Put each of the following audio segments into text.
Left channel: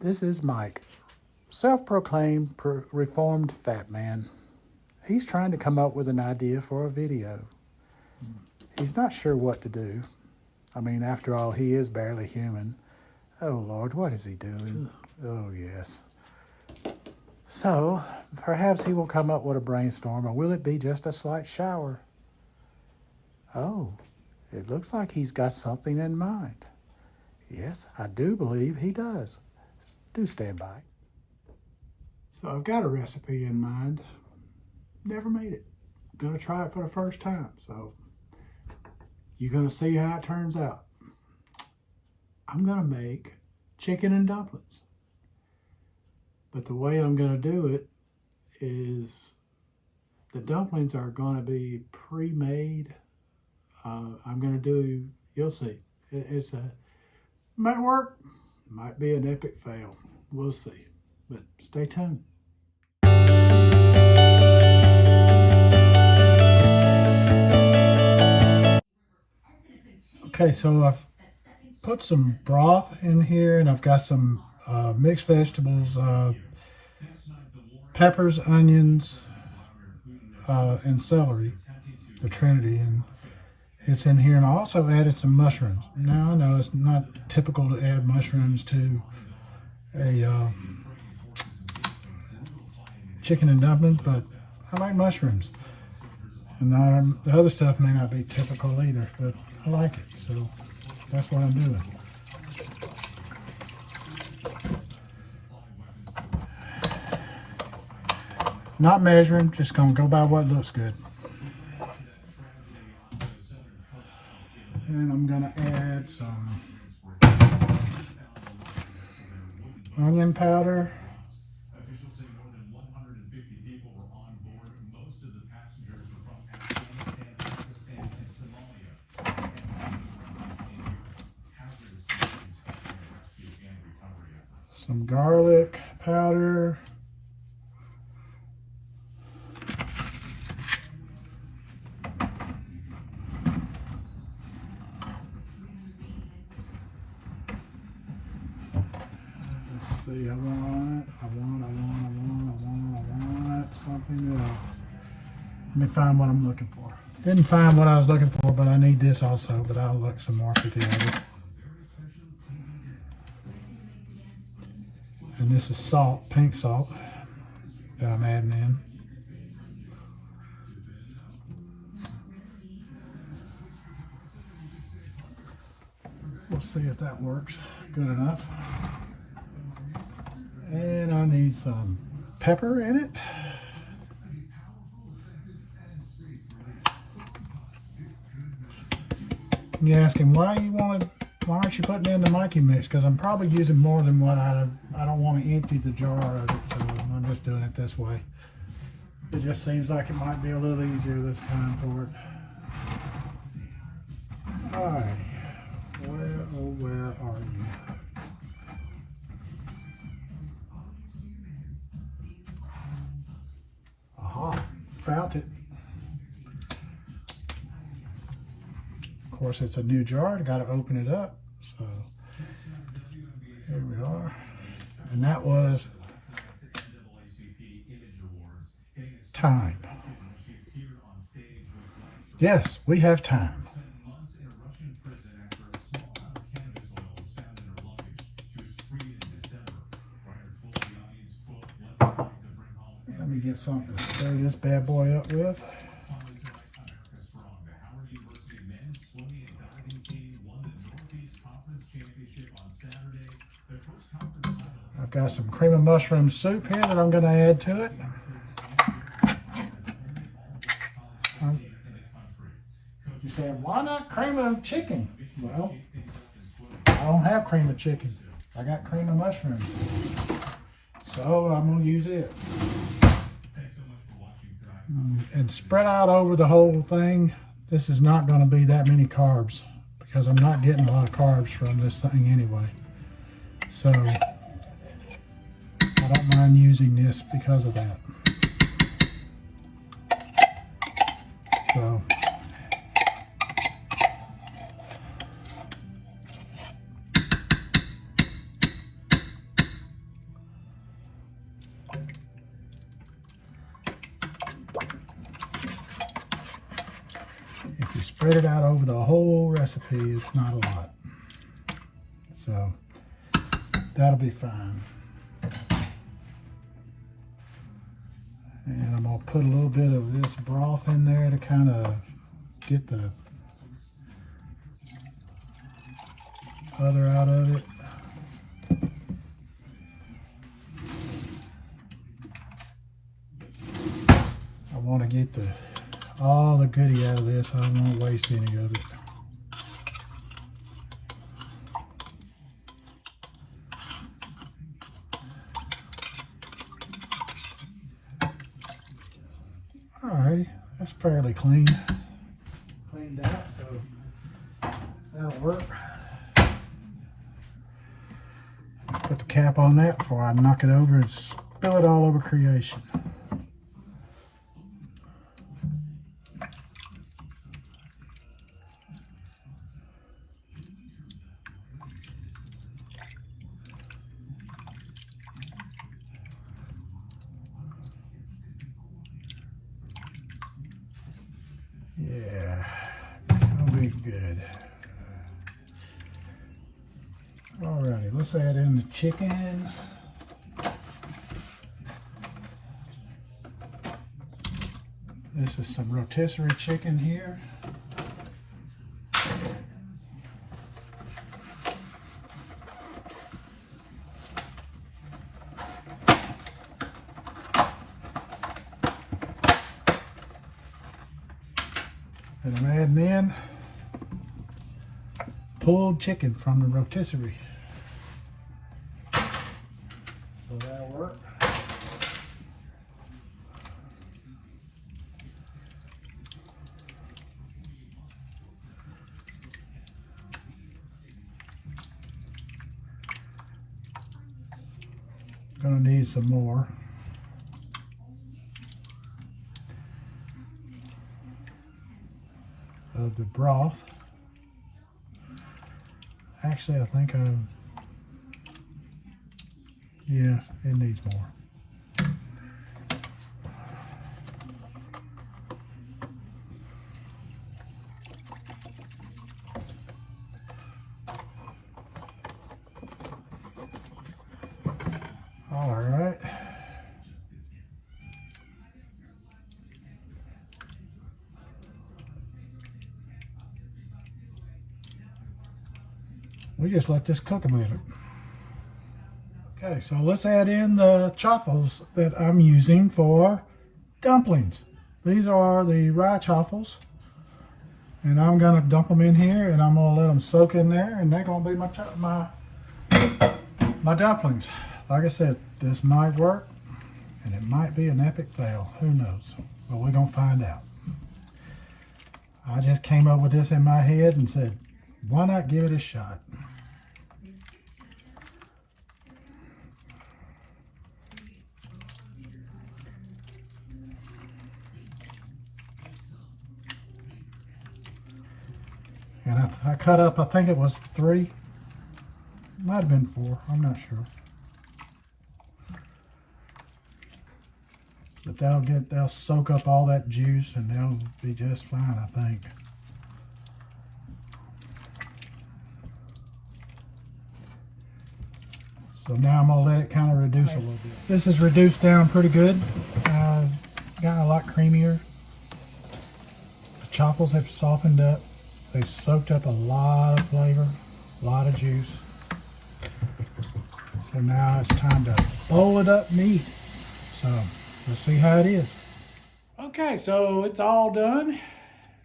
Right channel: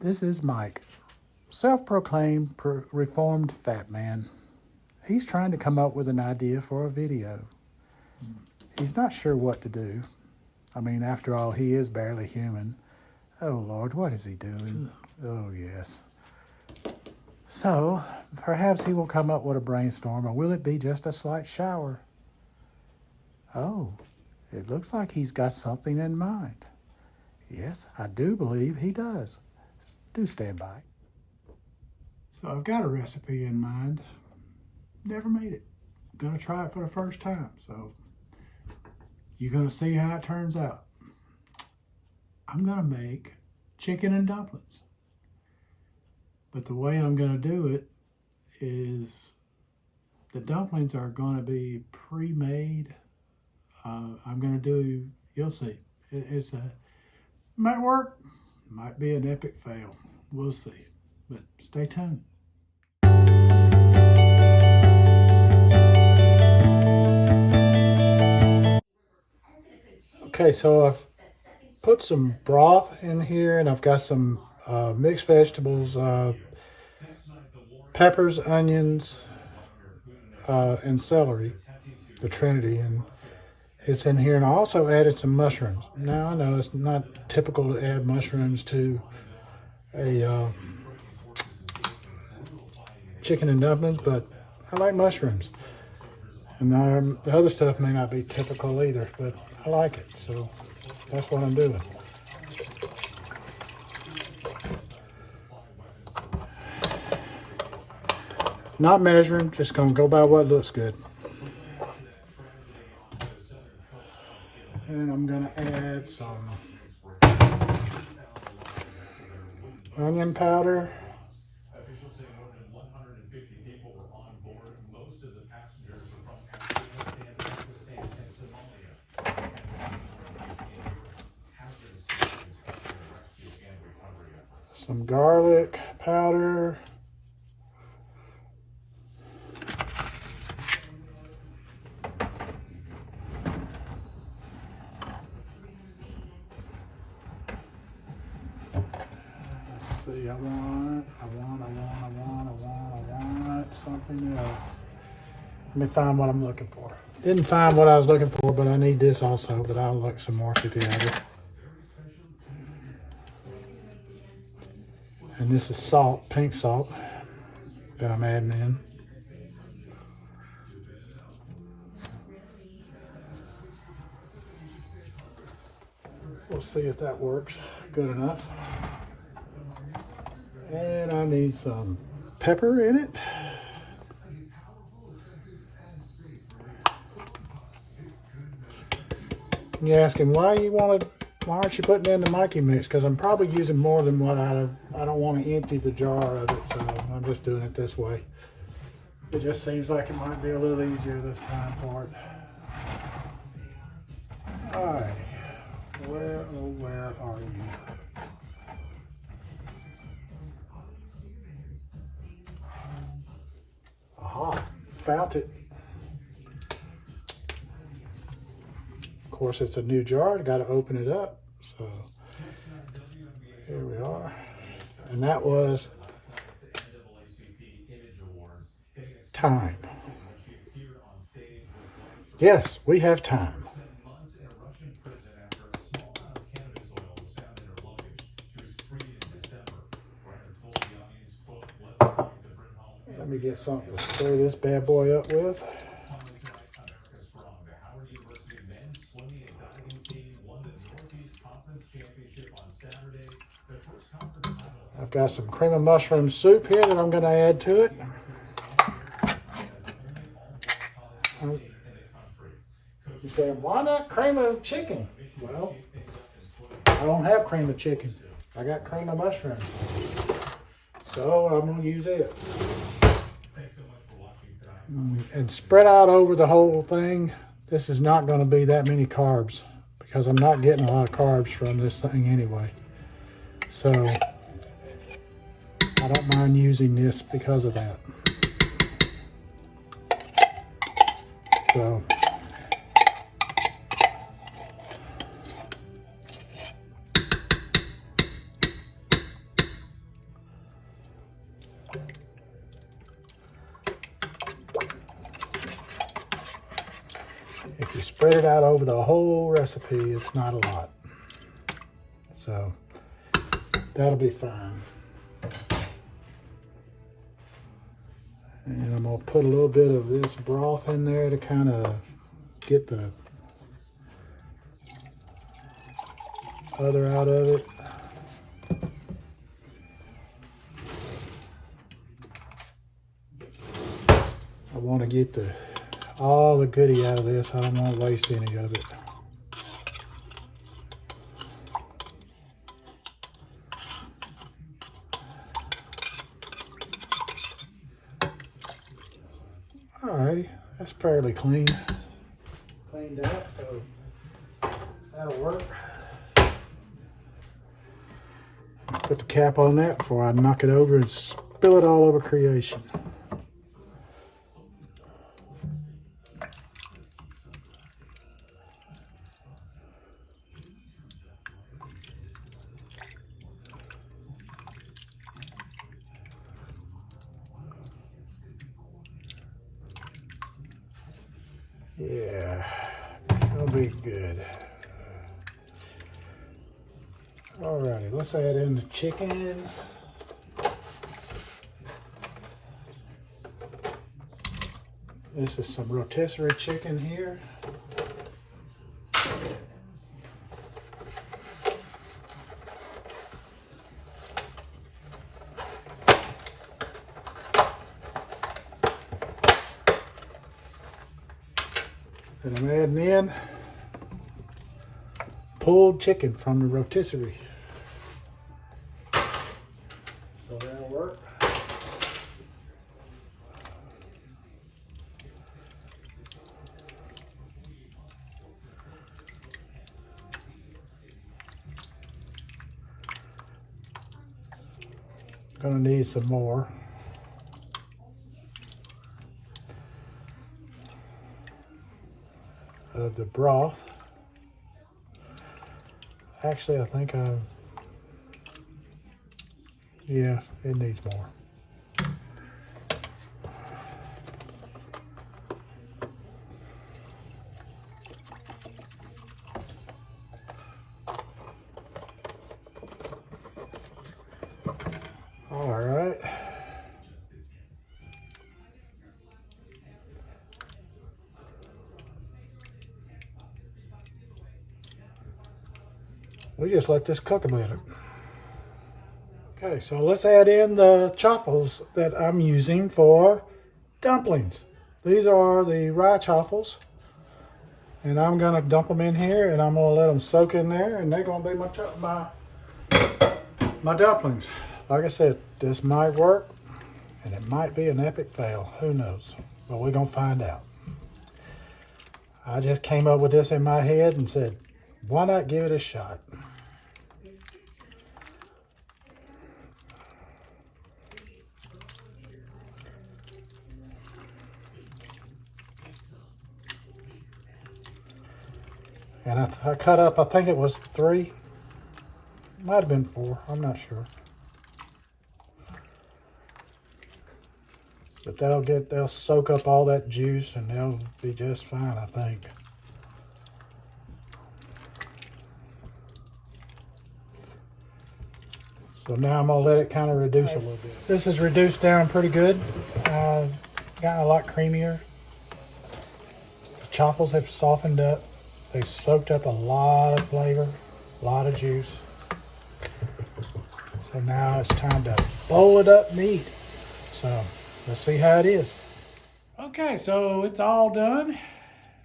This is Mike, self-proclaimed reformed fat man. He's trying to come up with an idea for a video. He's not sure what to do. I mean, after all, he is barely human. Oh, Lord, what is he doing? Oh, yes. So, perhaps he will come up with a brainstorm, or will it be just a slight shower? Oh, it looks like he's got something in mind. Yes, I do believe he does. Do stand by. So I've got a recipe in mind. Never made it. Gonna try it for the first time, so you're gonna see how it turns out. I'm gonna make chicken and dumplings. But the way I'm gonna do it is the dumplings are gonna be pre-made. I'm gonna do, you'll see. Might work, might be an epic fail. We'll see, but stay tuned. Okay, so I've put some broth in here, and I've got some mixed vegetables, peppers, onions, and celery, the Trinity, and it's in here. And I also added some mushrooms. Now, I know it's not typical to add mushrooms to a chicken and dumplings, but I like mushrooms. And the other stuff may not be typical either, but I like it, so that's what I'm doing. Not measuring, just gonna go by what looks good. And I'm gonna add some onion powder. Some garlic powder. Let's see, I want something else. Let me find what I'm looking for. Didn't find what I was looking for, but I need this also, but I'll look some more at the end. And this is salt, pink salt, that I'm adding in. We'll see if that works good enough. And I need some pepper in it. And you're asking why aren't you putting in the Mikey mix? Because I'm probably using more than what I don't want to empty the jar of it, so I'm just doing it this way. It just seems like it might be a little easier this time for it. All right, where are you? Aha, found it. Of course, it's a new jar. I got to open it up. So here we are, and that was time. Yes, we have time. Let me get something to stir this bad boy up with. I've got some cream of mushroom soup here that I'm going to add to it. You say, why not cream of chicken? Well, I don't have cream of chicken. I got cream of mushroom. So I'm going to use it. And spread out over the whole thing. This is not going to be that many carbs because I'm not getting a lot of carbs from this thing anyway. So I don't mind using this because of that. So If you spread it out over the whole recipe, it's not a lot. So that'll be fine. And I'm gonna put a little bit of this broth in there to kind of get the other out of it. I want to get all the goodie out of this. I don't want to waste any of it. Alrighty, that's fairly cleaned out, so that'll work. Put the cap on that before I knock it over and spill it all over creation. Yeah, that'll be good. Alrighty, let's add in the chicken. This is some rotisserie chicken here. And I'm adding in pulled chicken from the rotisserie. So that'll work. Gonna need some more. Of the broth. Actually, I think yeah, it needs more. All right. We just let this cook a minute. Okay, so let's add in the chaffles that I'm using for dumplings. These are the rye chaffles, and I'm gonna dump them in here, and I'm gonna let them soak in there, and they're gonna be my dumplings. Like I said, this might work, and it might be an epic fail. Who knows? But we're gonna find out. I just came up with this in my head and said, why not give it a shot? And I cut up, I think it was 3. Might have been 4, I'm not sure. But they'll soak up all that juice and they'll be just fine, I think. So now I'm gonna let it kind of reduce a little bit. This is reduced down pretty good. Gotten a lot creamier. The chaffles have softened up. They've soaked up a lot of flavor, a lot of juice. So now it's time to bowl it up meat. So let's see how it is. Okay, so it's all done.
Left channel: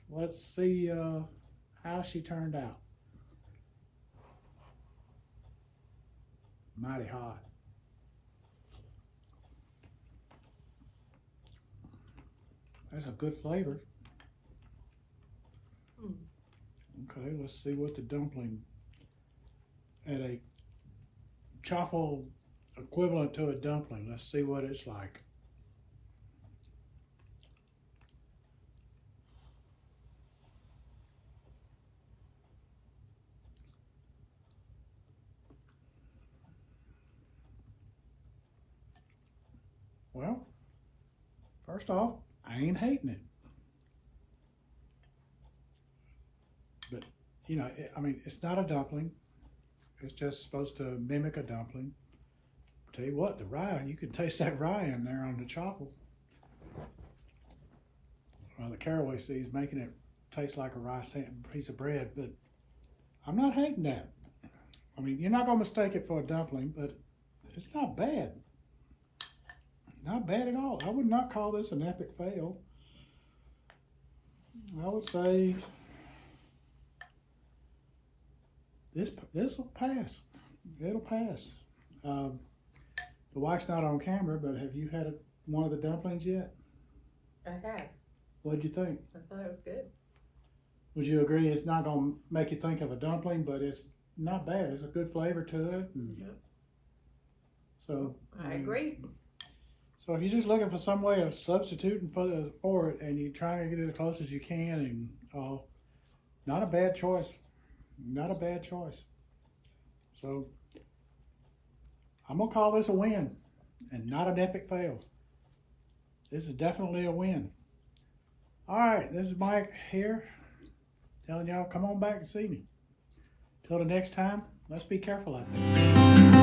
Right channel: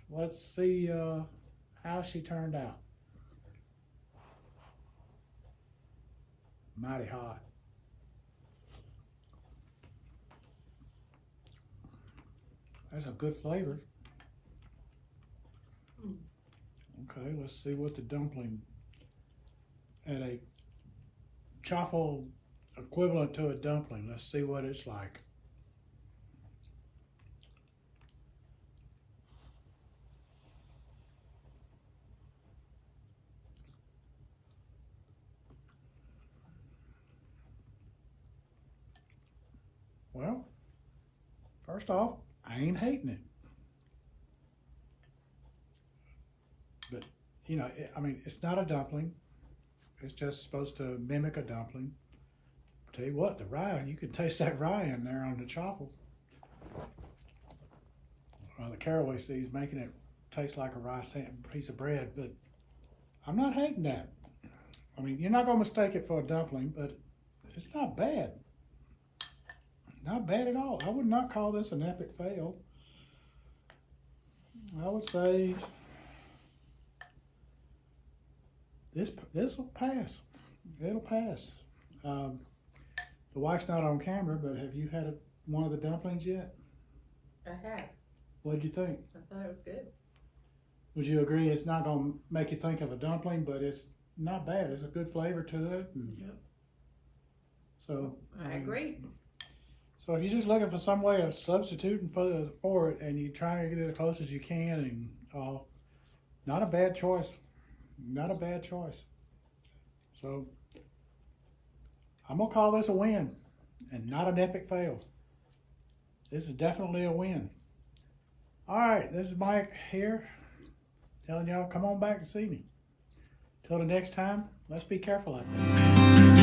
Let's see how she turned out. Mighty hot. That's a good flavor. Okay, let's see what the dumpling at a chaffle equivalent to a dumpling. Let's see what it's like. Well, first off, I ain't hating it. But, you know, I mean, it's not a dumpling. It's just supposed to mimic a dumpling. Tell you what, the rye, you can taste that rye in there on the chaffle. The caraway seeds making it taste like a rye piece of bread, but I'm not hating that. I mean, you're not going to mistake it for a dumpling, but it's not bad. Not bad at all. I would not call this an epic fail. I would say this will pass. It'll pass. The wife's not on camera, but have you had one of the dumplings yet? I have. What'd you think? I thought it was good. Would you agree it's not going to make you think of a dumpling, but it's not bad. There's a good flavor to it. Yep. So I agree. So if you're just looking for some way of substituting for it, and you're trying to get it as close as you can, and not a bad choice. Not a bad choice. So I'm going to call this a win and not an epic fail. This is definitely a win. All right, this is Mike here telling y'all come on back to see me. Till the next time, let's be careful out there.